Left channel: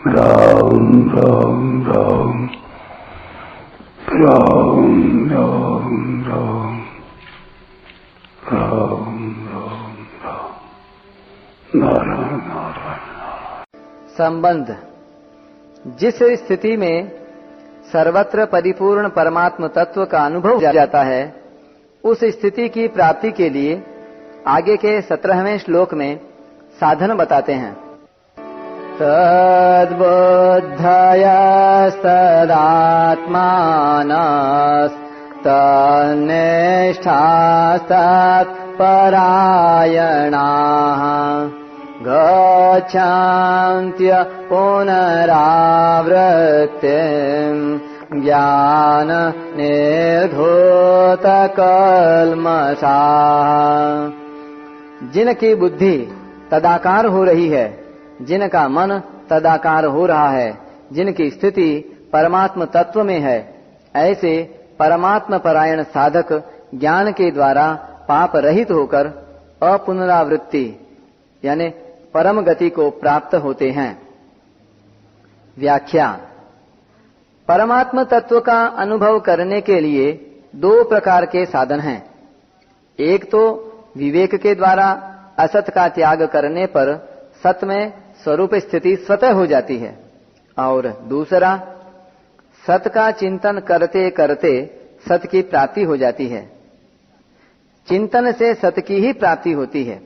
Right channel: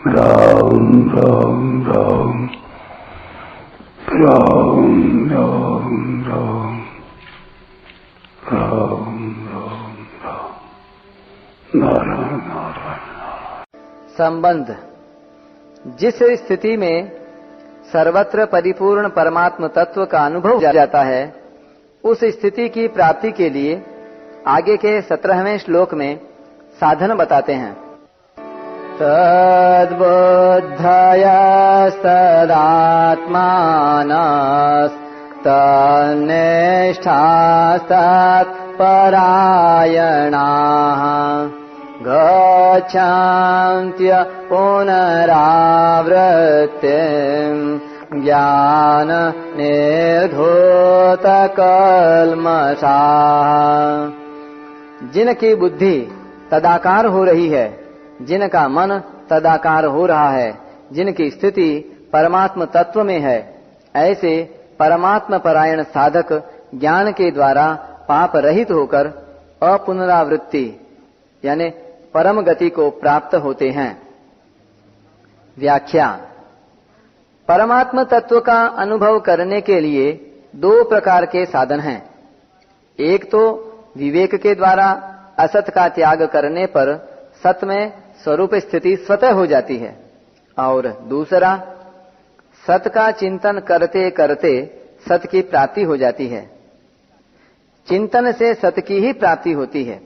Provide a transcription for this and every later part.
राम राम राम राम राम राम राम राम राम नारायण नारायण। संबंध। जिस स्थिति में सर्वत्र परिपूर्ण परमात्म तत्व का अनुभव जाता है, उस स्थिति की प्राप्ति के लिए आगे के 17वें श्लोक में साधन बताते हैं। तद्बुद्धयस्तदात्मानस्तन्निष्ठास्तत्परायणाः गच्छन्त्य पुनरावृत्तिम् ज्ञान निर्धूतकल्मषाः। जिनकी बुद्धि तदाकार हो रही है, जिनका मन तदाकार हो रहा है, जिनकी स्थिति परमात्म तत्व में है, ऐसे परमात्म परायण साधक ज्ञान के द्वारा पाप रहित होकर अपुनरावृत्ति यानी परम गति को प्राप्त होते हैं। व्याख्या। परमात्म तत्व का अनुभव करने के लिए 2 प्रकार के साधन हैं। एक तो विवेक के द्वारा असत का त्याग करने पर सत में स्वरूप स्थिति स्वतः हो जाती है, और दूसरा सत का चिंतन करते करते सत की प्राप्ति हो जाती है। चिंतन से सत की ही प्राप्ति होती है।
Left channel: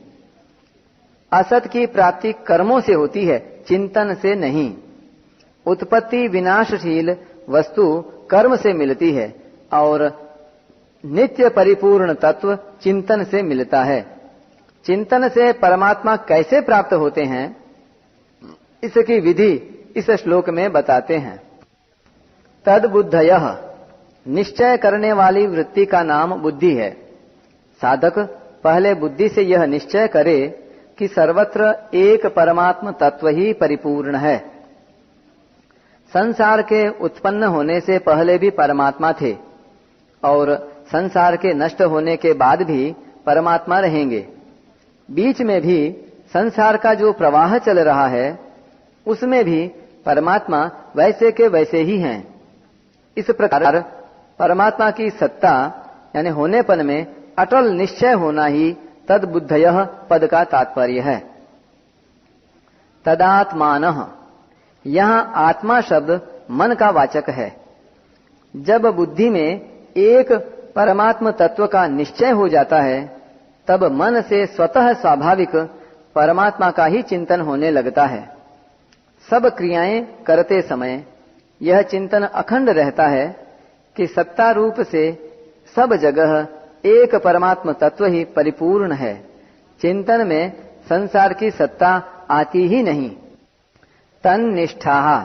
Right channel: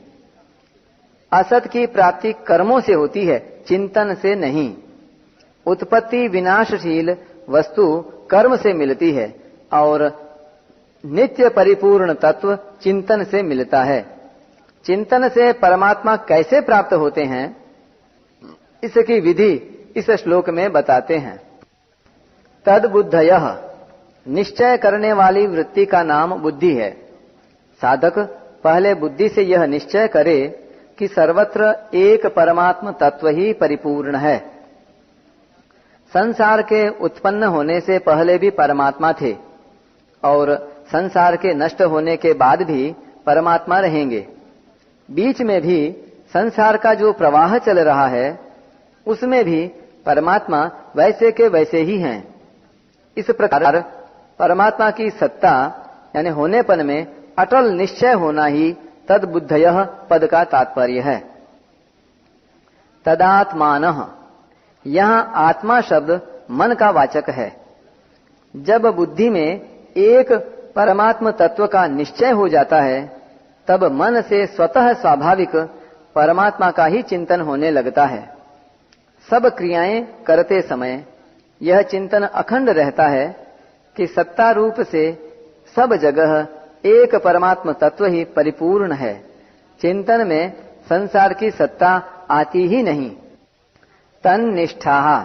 असत की प्राप्ति कर्मों से होती है, चिंतन से नहीं। उत्पत्ति विनाशशील वस्तु कर्म से मिलती है और नित्य परिपूर्ण तत्व चिंतन से मिलता है। चिंतन से परमात्मा कैसे प्राप्त होते हैं, इसकी विधि इस श्लोक में बताते हैं। तद्बुद्धयः, निश्चय करने वाली वृत्ति का नाम बुद्धि है। साधक पहले बुद्धि से यह निश्चय करे कि सर्वत्र एक परमात्म तत्व ही परिपूर्ण है। संसार के उत्पन्न होने से पहले भी परमात्मा थे और संसार के नष्ट होने के बाद भी परमात्मा रहेंगे। बीच में भी संसार का जो प्रवाह चल रहा है, उसमें भी परमात्मा वैसे के वैसे ही हैं। इस प्रकार परमात्मा की सत्ता यानी होनेपन में अटल निश्चय होना ही तद्बुद्धयः पद का तात्पर्य है। तदात्मानः, यहाँ आत्मा शब्द मन का वाचक है। जब बुद्धि में एक परमात्म तत्व का निश्चय हो जाता है, तब मन से स्वतः स्वाभाविक परमात्मा का ही चिंतन होने लगता है। सब क्रियाएं करते समय यह चिंतन अखंड रहता है कि सत्ता रूप से सब जगह एक परमात्म तत्व ही परिपूर्ण है। चिंतन में संसार की सत्ता आती ही नहीं। तन्निष्ठा,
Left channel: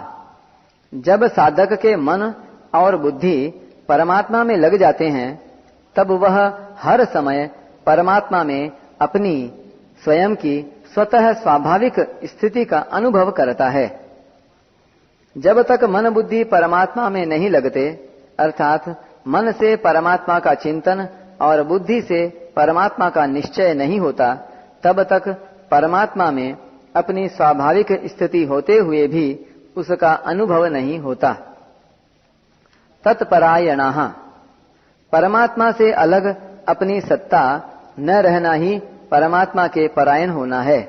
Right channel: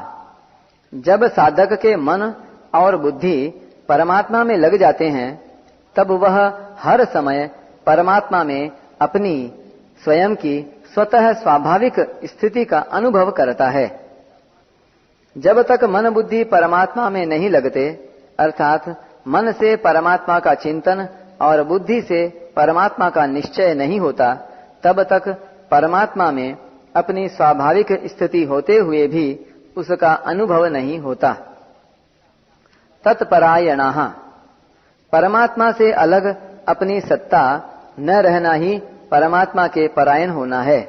जब साधक के मन और बुद्धि परमात्मा में लग जाते हैं, तब वह हर समय परमात्मा में अपनी स्वयं की स्वतः स्वाभाविक स्थिति का अनुभव करता है। जब तक मन बुद्धि परमात्मा में नहीं लगते, अर्थात मन से परमात्मा का चिंतन और बुद्धि से परमात्मा का निश्चय नहीं होता, तब तक परमात्मा में अपनी स्वाभाविक स्थिति होते हुए भी उसका अनुभव नहीं होता। तत्परायणाः, परमात्मा से अलग अपनी सत्ता न रहना ही परमात्मा के परायण होना है।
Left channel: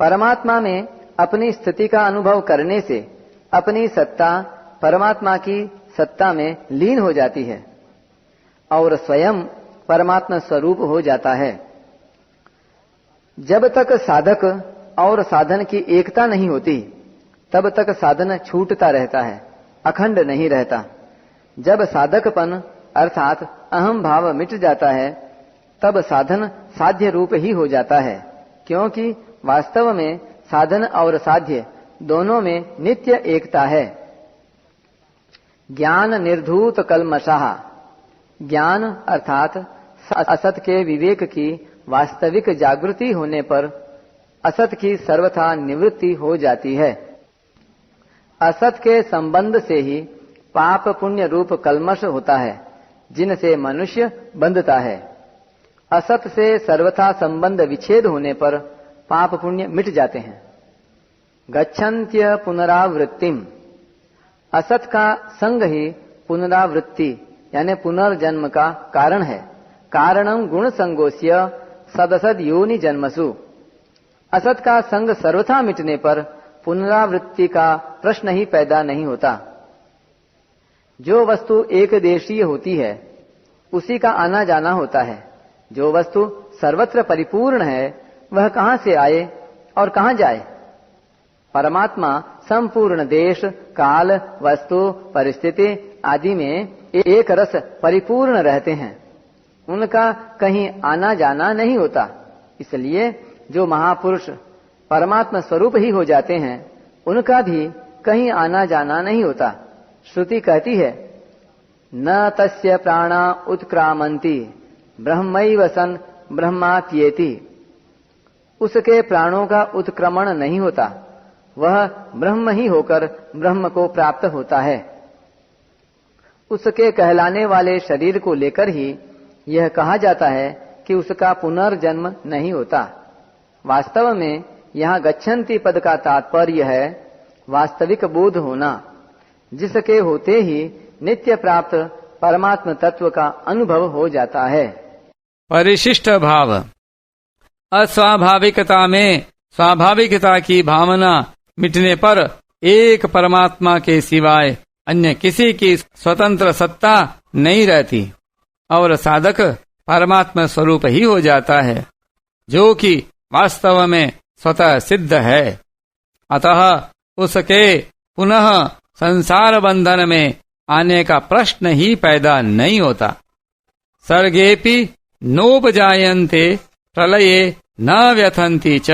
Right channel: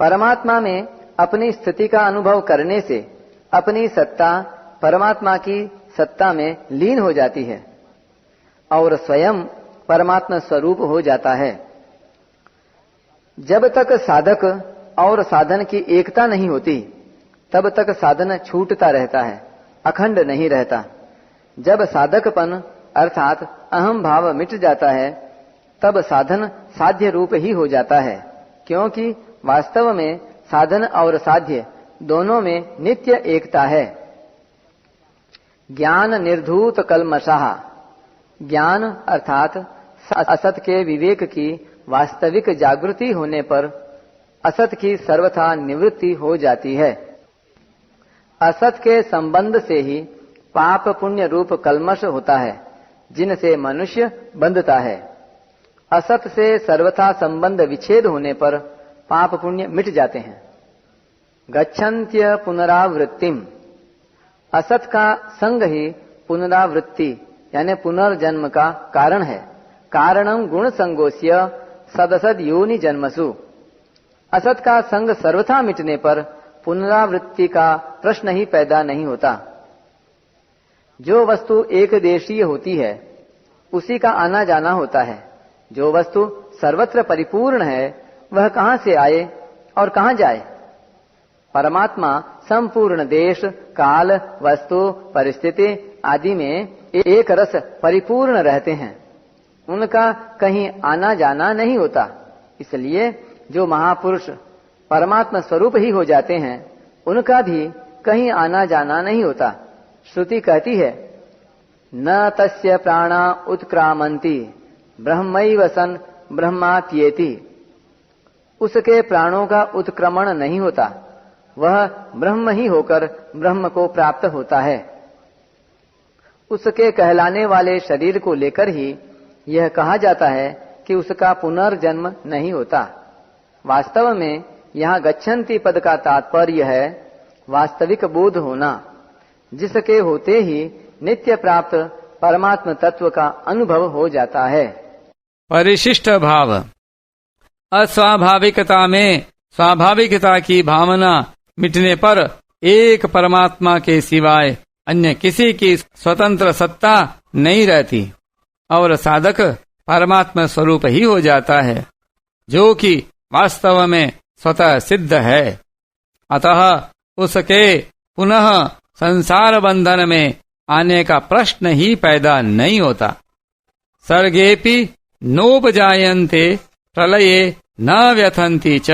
परमात्मा में अपनी स्थिति का अनुभव करने से अपनी सत्ता परमात्मा की सत्ता में लीन हो जाती है और स्वयं परमात्मा स्वरूप हो जाता है। जब तक साधक और साधन की एकता नहीं होती, तब तक साधन छूटता रहता है, अखंड नहीं रहता। जब साधकपन अर्थात अहम भाव मिट जाता है, तब साधन साध्य रूप ही हो जाता है, क्योंकि वास्तव में साधन और साध्य दोनों में नित्य एकता है। ज्ञान निर्धूत कल्मषाः, ज्ञान अर्थात असत के विवेक की वास्तविक जागृति होने पर असत की सर्वथा निवृत्ति हो जाती है। असत के संबंध से ही पाप पुण्य रूप कल्मष होता है, जिनसे मनुष्य बंधता है। असत से सर्वथा संबंध विच्छेद होने पर पाप पुण्य मिट जाते हैं। गच्छन्त्य पुनरावृत्तिम। असत का संग ही पुनरावृत्ति यानी पुनर्जन्म का कारण है। कारणम गुण संगोस्य सदसद योनि जन्मसु। असत का संग सर्वथा मिटने पर पुनरावृत्ति का प्रश्न ही पैदा नहीं होता। जो वस्तु एक देशीय होती है उसी का आना जाना होता है। जो वस्तु सर्वत्र परिपूर्ण है वह कहाँ से आए और कहाँ जाए। परमात्मा संपूर्ण देश काल वस्तु परिस्थिति आदि में एक रस परिपूर्ण रहते हैं। उनका कहीं आना जाना नहीं होता। इसलिए जो महापुरुष परमात्मा स्वरूप ही हो जाते हैं उनका भी कहीं आना जाना नहीं होता। श्रुति कहती है न तस्य प्राणा उत्क्रामन्ति ब्रह्मैव सन् ब्रह्मात्येति। उसके प्राणों का उत्क्रमण नहीं होता, वह ब्रह्म ही होकर ब्रह्म को प्राप्त होता है। उसके कहलाने वाले शरीर को लेकर ही यह कहा जाता है कि उसका पुनर्जन्म नहीं होता। वास्तव में यहाँ गच्छन्ति पद का तात्पर्य है वास्तविक बोध होना, जिसके होते ही नित्य प्राप्त परमात्म तत्व का अनुभव हो जाता है। परिशिष्ट भाव। अस्वाभाविकता में स्वाभाविकता की भावना मिटने पर एक परमात्मा के सिवाय अन्य किसी की स्वतंत्र सत्ता नहीं रहती और साधक परमात्मा स्वरूप ही हो जाता है, जो कि वास्तव में स्वतः सिद्ध है। अतः उसके पुनः संसार बंधन में आने का प्रश्न ही पैदा नहीं होता। सर्गेपि नोपजायन्ते प्रलये न व्यथन्ति च।